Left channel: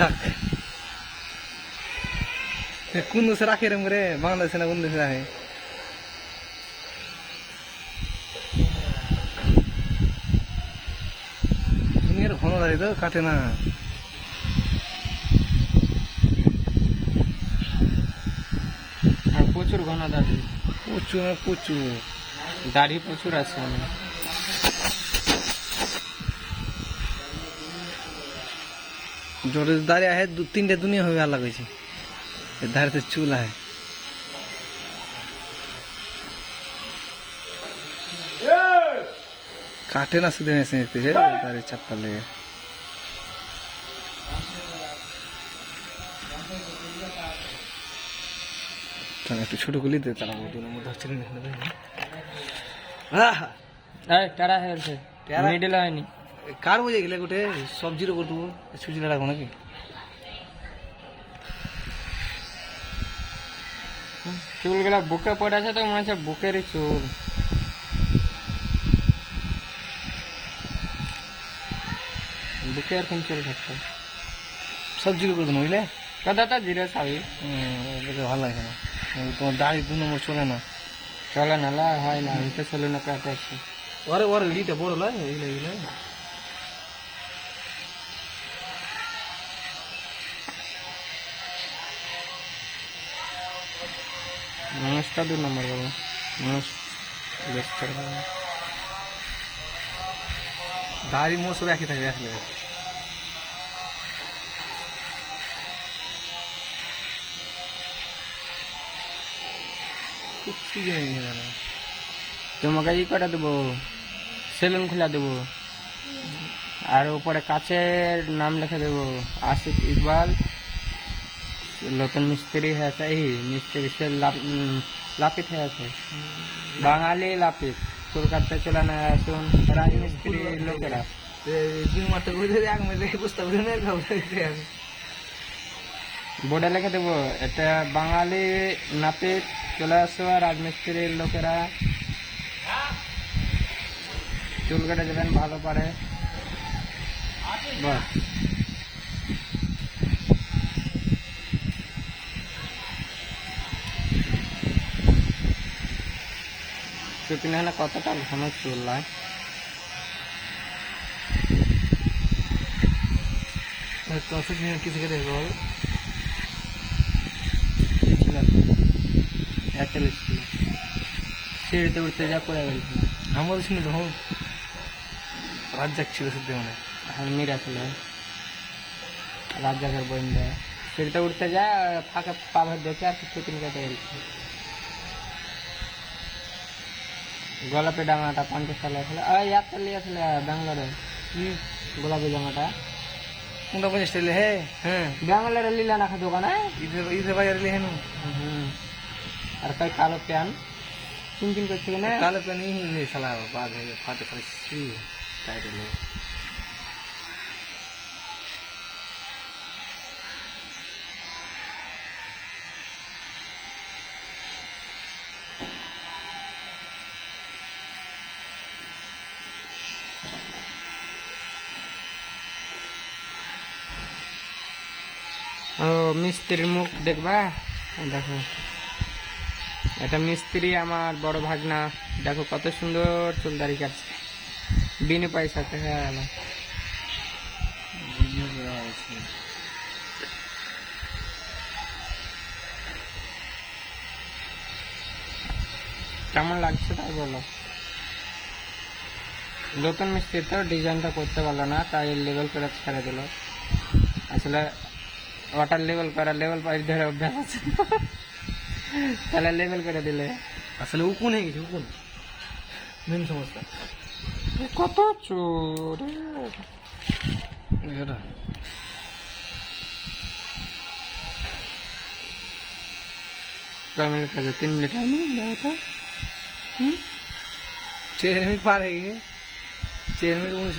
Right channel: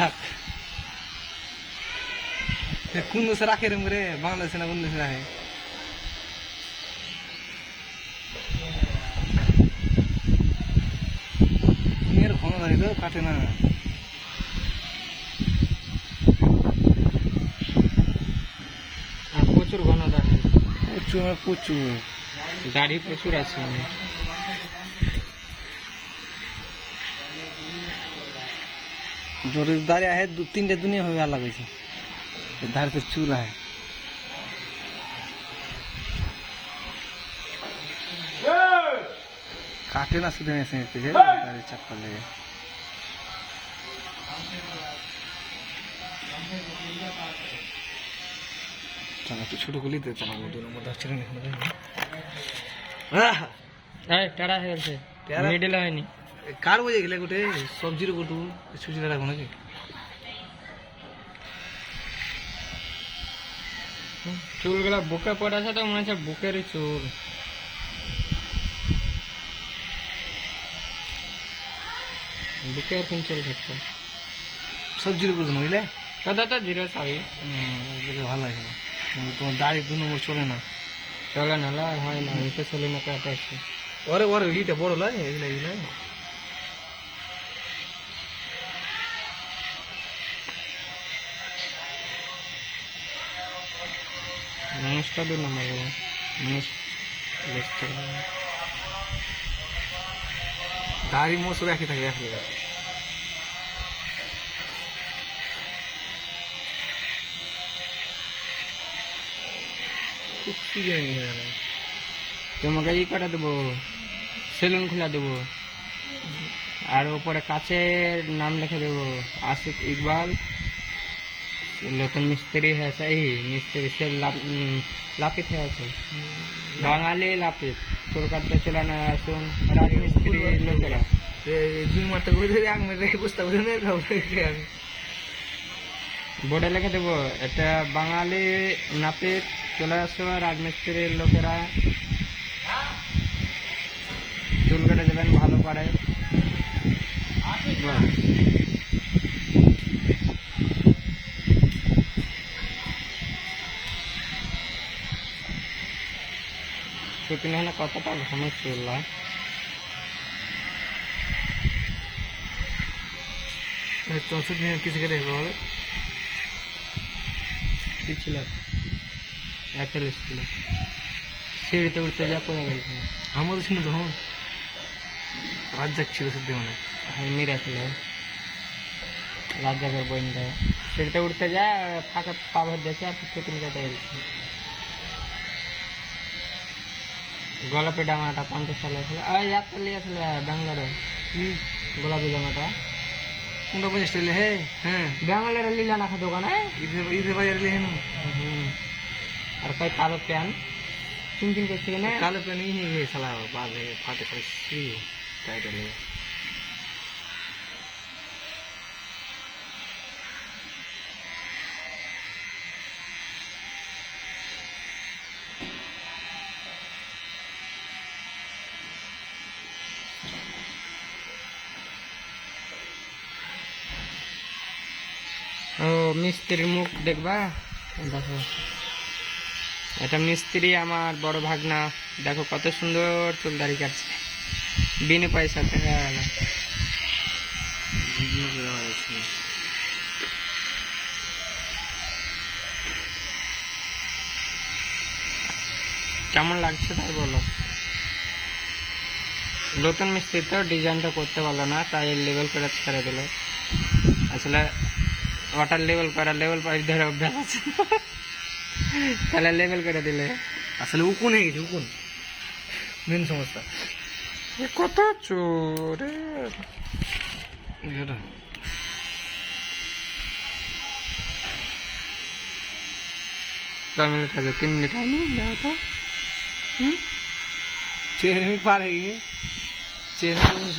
থাক কোন দেশে রাখে এরম করে বাংলাদেশে না কোন দেশে রাখে ঘন দাঁড়িয়ে তো কাটে না প্রচুর ঘন দাড়ি প্রচুর প্রচুর দাড়ি প্রচুর আছে जोर दाढ़ी है 2-3 दुनिया हो अलग है दाढ़ी से चूल है काटे ना सीधे ऐसे दाढ़ी चप्पल ले একটু ছোট গুলি দে তারা ওদের মধ্যে ছিল না এই টাড়া হয়েছে মিডল হয়নি কার বুঝে গেলে গোটে সবজির উপর দেবো সুজিটা রাখবো নাকি চুলগুলা বুকে পড়ে আছে তো মনে হচ্ছে বুকেরই চুল বুকে এরকম চুল থাকতো সবজির উপর দেবো বুঝলে দাদা তো জিরো সাবি ভালো লাগে না তোমার দাড়ি 2 নম্বর চলে না চলে না লা হয় না এটা চলে না কাটে আছে ওরে ওরে ইটা বড় লাগে এইগুলা মানুষটা 2 নম্বর বলো মানুষ লেফট দাড়ি মোছ রাখি থাকে রাখলে কুচি গেলে তোমাকে ই করে দেবো সেলুন খুলে দেবো আর উপরে কাছের নাম লিখে দেবো আশিক ইকবাল নতুন মিস্ত্রি হয়েছে এই মিস্ত্রি সে লাপিত হয়েছে বাঙালি লাপিত চুল কাটতে চলে না আসুন রানী মিস্ত্রি লোকেরা 2 মাস ঘুরে এক মাসে বুঝতে পারি না বোর্ডে লিখে দেবো এটা বাঙালি নাপিত চলে আসো রাজমিস্ত্রির লোকেরা চুল কেটে দেবেন ভালো করে শুকিয়ে না কতটা ঘন চুল তো কিছু করে অ্যাপেল ছিল সিঁড়িতে উঠতে যা পড়ে গেল আমাদের শুনে তখন রাত যাচ্ছিল সত্যি মানে নিরা ছিল রাত যাবার বইন্দা সিঁড়িতে উঠতে যা ফাঁকা পাভার দেখে আর কিছু কিনে কেটে গেছে গোলাপি ডাঙাটা 50 সালে আসলে এক সালে আসলে ব্যাঙ্গালোরে গোলাপি জামাটা কোনটা 50 টাকা হে হ্যাঁ ব্যাঙ্গালোরে লীলা নাখা দোকানে ঈদে বাজার লিহে না আর কই কালো প্যান চিনচিন করছে না काले पे नहीं है ये साला बाद में फाटे फाटे सी टाइटल है ও মিস্ত্রির মুখ দেখবা দেখো এটা মিস্ত্রি আমার বড় ভাগনা দেখো কত সুন্দর চুল দাড়ি কাটছে বিনা পয়সাতে কেমন লাগছে তাই বলো নতুন মিস্ত্রি তো ডিজাইনটা করতে পারলো না তাই লেভেল করে ছেড়ে দিল আসলে ওয়াটার লেভেল করা লেভেল পাইপ ধরে অভ্যাস আছে তাহলে লেভেল করে দিলে আসলে উকুন হয়ে গেছে উকুন মেন সমস্যা কত চোরে কাছে 3 মিনিট আমি দাও তো चेहरे में पार है ये चेहरे में